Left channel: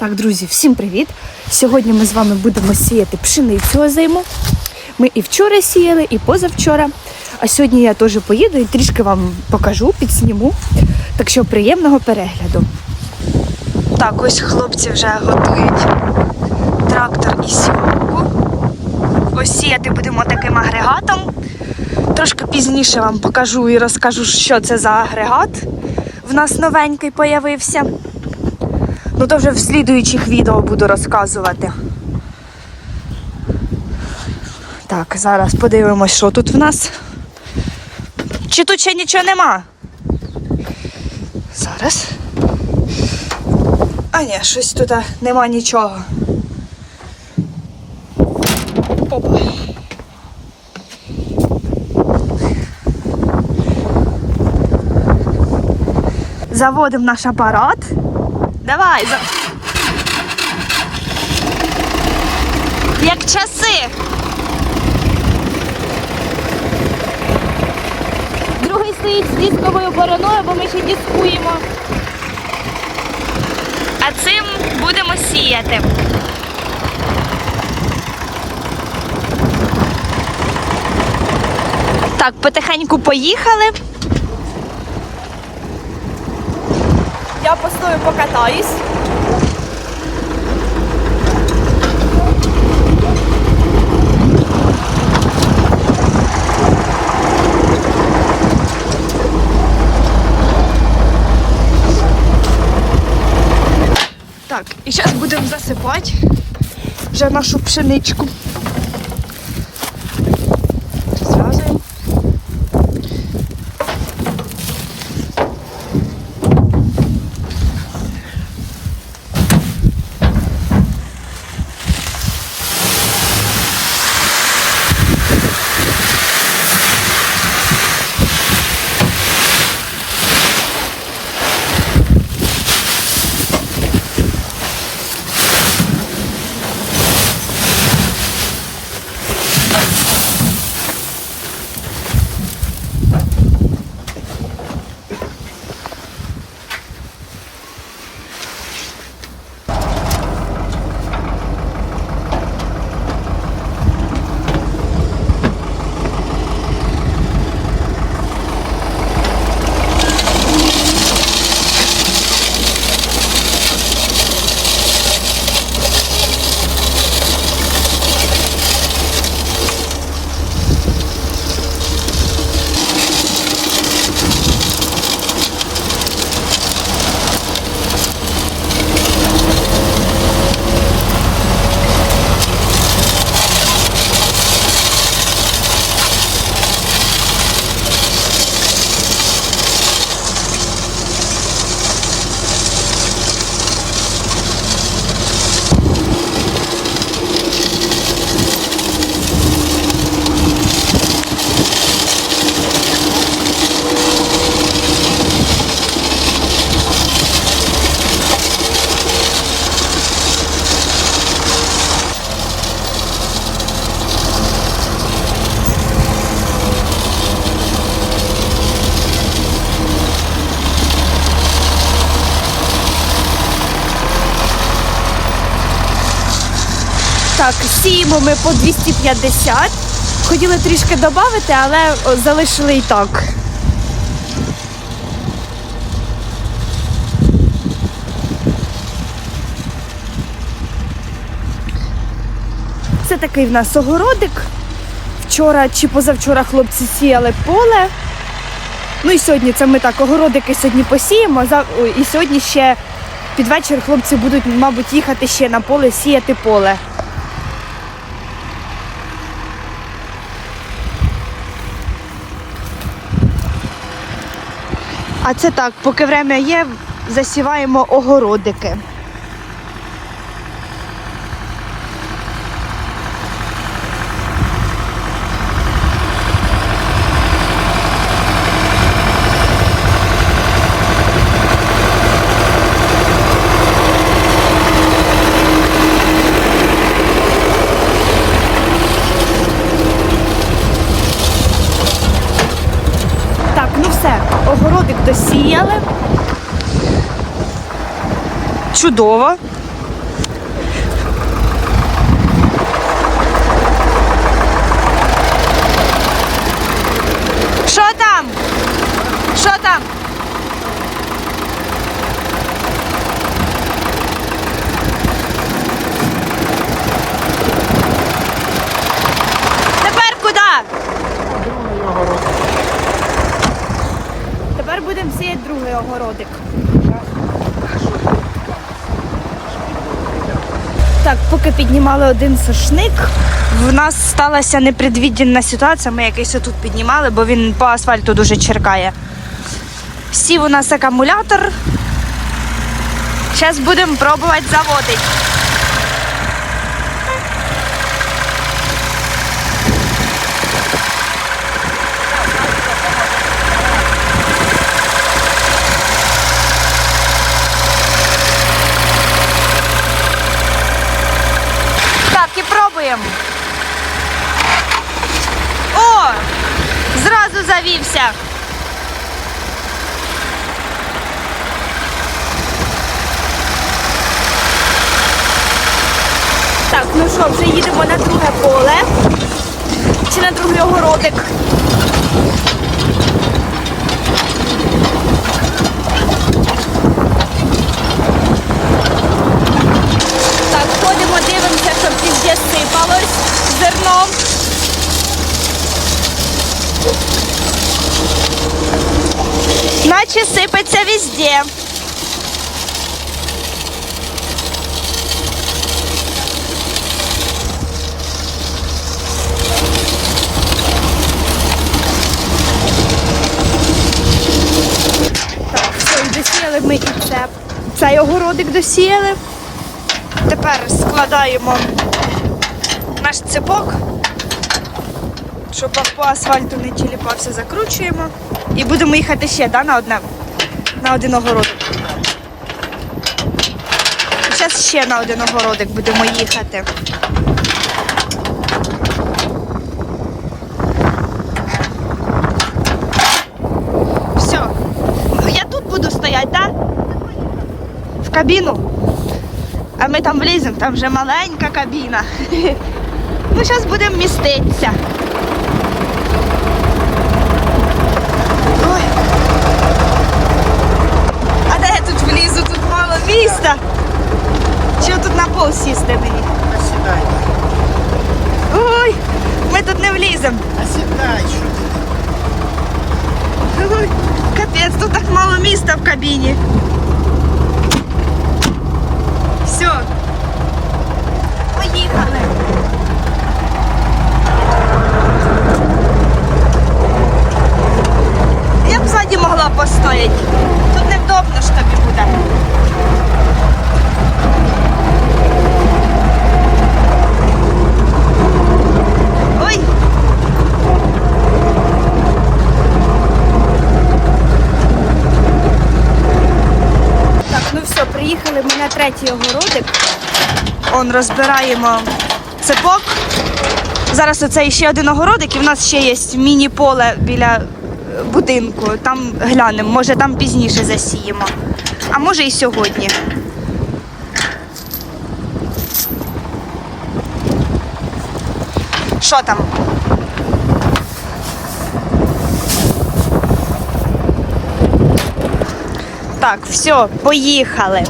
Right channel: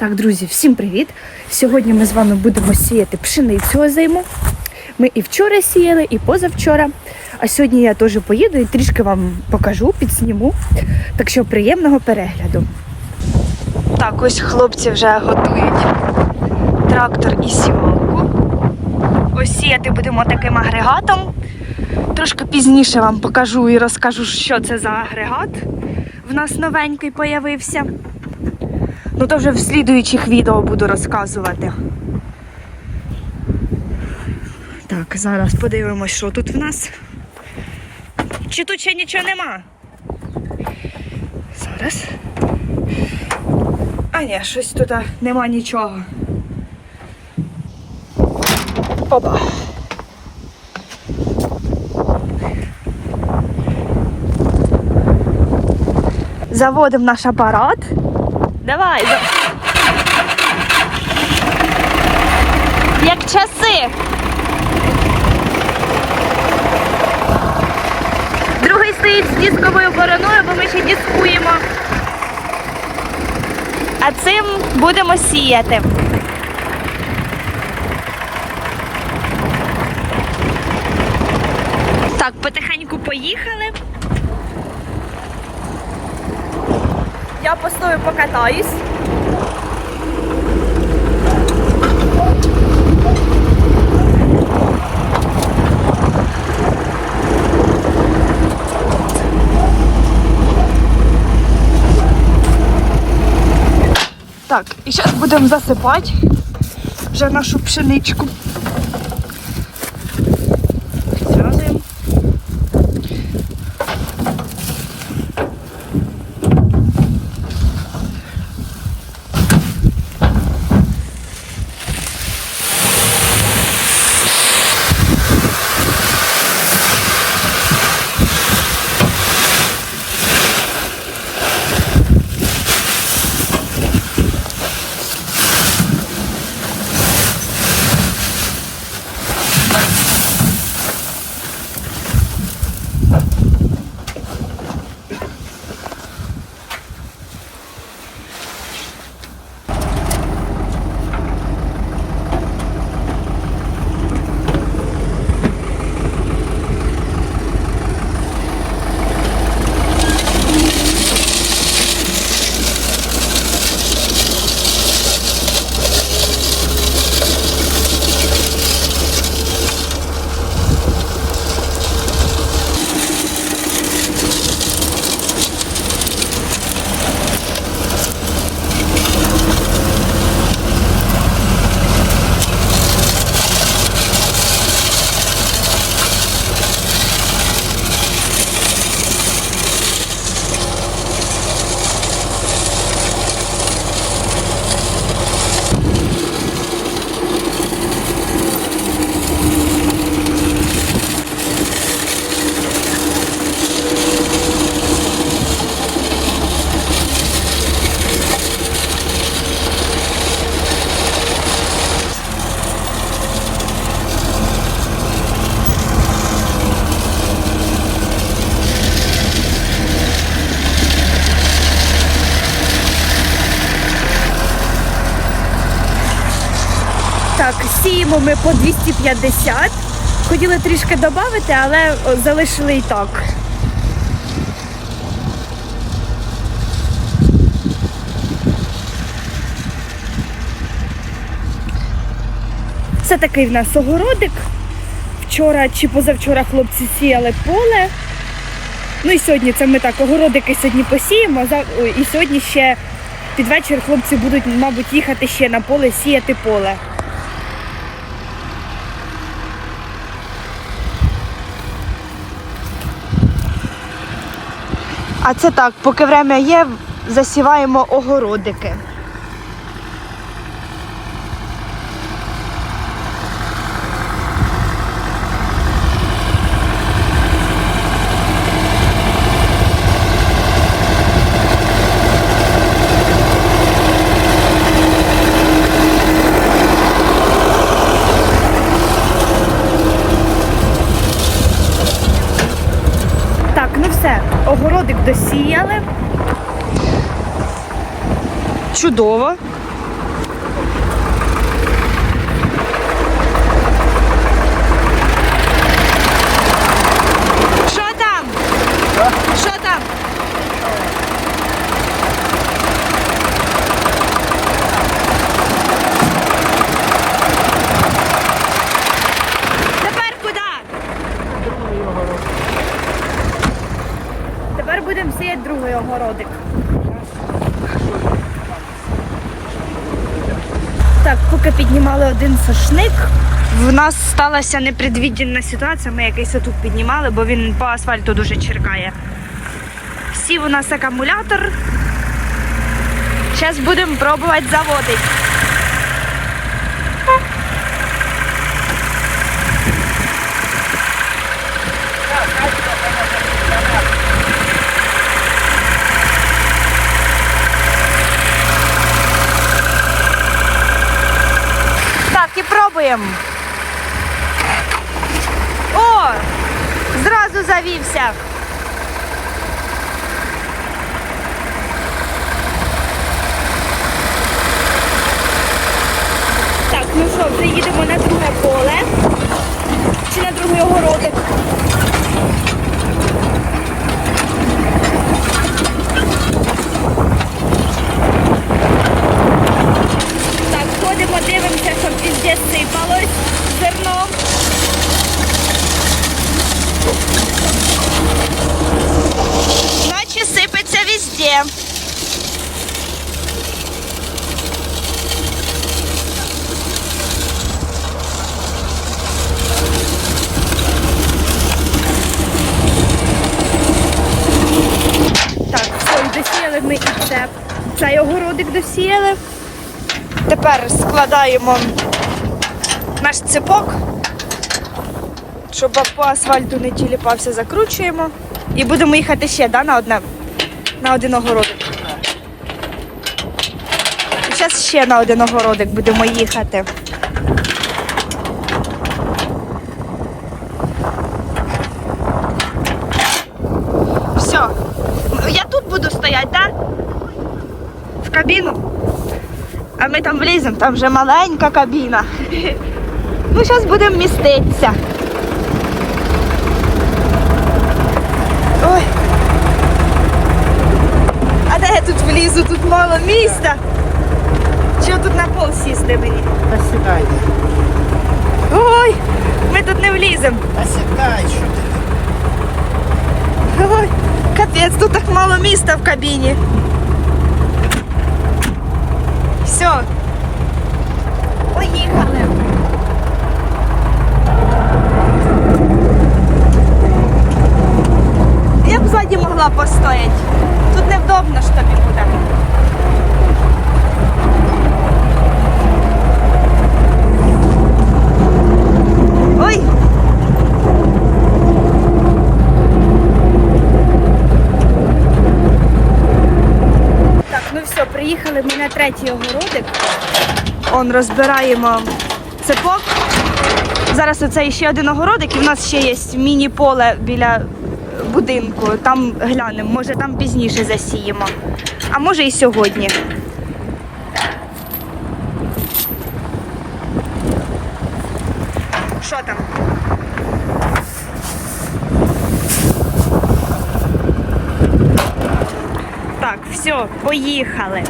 Так, друзі, всім привіт! Сьогодні ми з вами будемо сіяти пшеницю озиму. Ми і вчора сіяли, і позавчора. А сьогодні я теж поїду і трішки вам покажу, підсніму. Так що приємного перегляду. Так, ось хлопці вже готують трактор і сівалку. Ось сіяти будемо таким агрегатом. Трошки пізніше вам покажу і розкажу, що це за агрегат. В нас новенький появився. Ну то вже в слідуючих відео буду розказувати. Так, зараз подивимось, що тут в нас. Чи тут ще нічого нема? Зараз. А ні, щось тут нема нічого. Опа. Заводимо наш апарат. Давай. Як часи. Другий стоїть з дисковою бороною, бо ми ще дискуємо. А цим будемо сіяти. Так, потихеньку поїхали. Я постою покатаюсь. Так, і зараз будемо засипати вже нашу пшеничку. Так, сіємо ми по 250. Хотіли трішки додати, але залишили і так. Це такий в нас огородик. Вчора чи позавчора хлопці сіяли поле. Ну і сьогодні це ми так огородики сьогодні посіємо. І сьогодні ще під вечір хлопці будуть, мабуть, їхати ще на поле сіяти поле. А це так, поки время є, засіваємо огородики. Так, ну все, огородик досіяли. Чудово. Другий огородик. Так, поки піднімали один сошник, в нас сталася непредвідена ситуація. Ми якийсь тут піднімали, бо він по асфальту дуже черкає. Сів у нас акумулятор. Зараз будемо пробувати заводити. Пробуємо. О! Зразу завівся. Так, ну що, вже їдемо на друге поле. Чи на другий огородик. І досіяли ми і це. Цей огородик досіяли. Тепер складаємо наш ципок, щоб по асфальту не тіліпався, закручуємо. І будемо їхати ще да, на одне, на один огородик. І зараз ще на один огородик будемо їхати. Все. Я тут буду стояти, так? В кабіну. А ми там вліземо, там вже маленька кабіна. Ну, зараз будемо міститися. влізу? Тут мало міста. Чи тут на пол сісти мені? Осідай, Ой, ми тут не вліземо. осідай, що ти. Ой, капець, тут так мало міста в кабіні. Все. Поїхали. Я б ззаді могла постояти. Тут невдобно ж тобі буде. Ну все, приїхали ми на третій огородик. Он розбираємо цепок. Зараз оце ще один огородик, і в нас ще є міні-поле біля будинку. Там глянемо, може там пізніше засіємо. А може і сьогодні. Що там? Так, все, поїхали.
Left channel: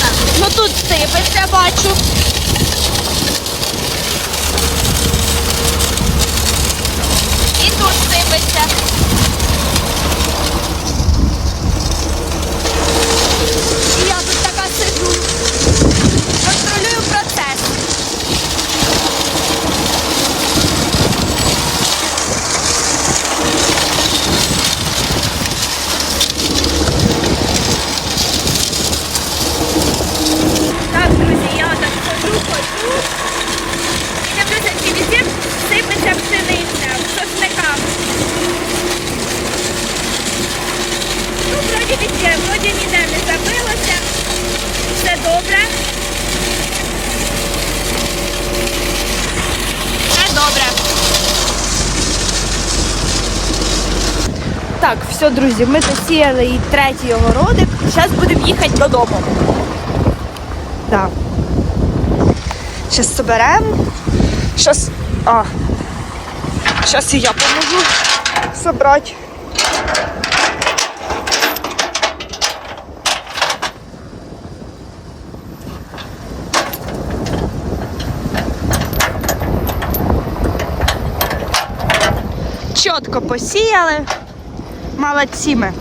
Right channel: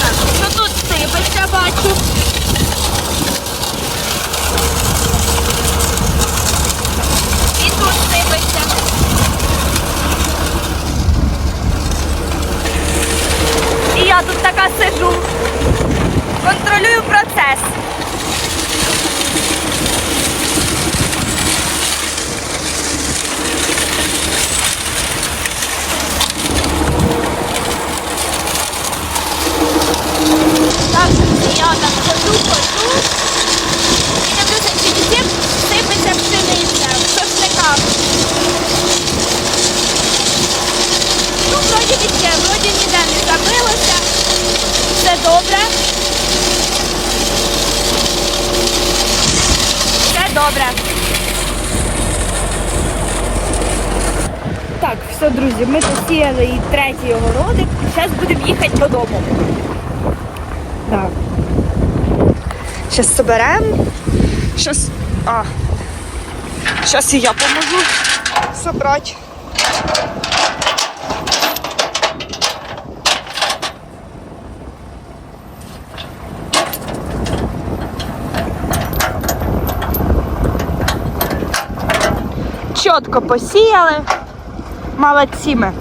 Так, ну тут сипеться, бачу. І тут сипеться. І я тут така сиджу. Контролюю процес. Так, друзі, я так ходжу, ходжу. І дивлюся, чи везде сипеться пшениця в сошниках. Ну, вроді везде, вроді ніде не забилося. Все добре. Все добре. Так, все, друзі, ми посіяли і третій огородик. Зараз будемо їхати додому. Так. Зараз соберемо. Щас. А. Зараз і я поможу собрати. Чітко посіяли. Молодці ми.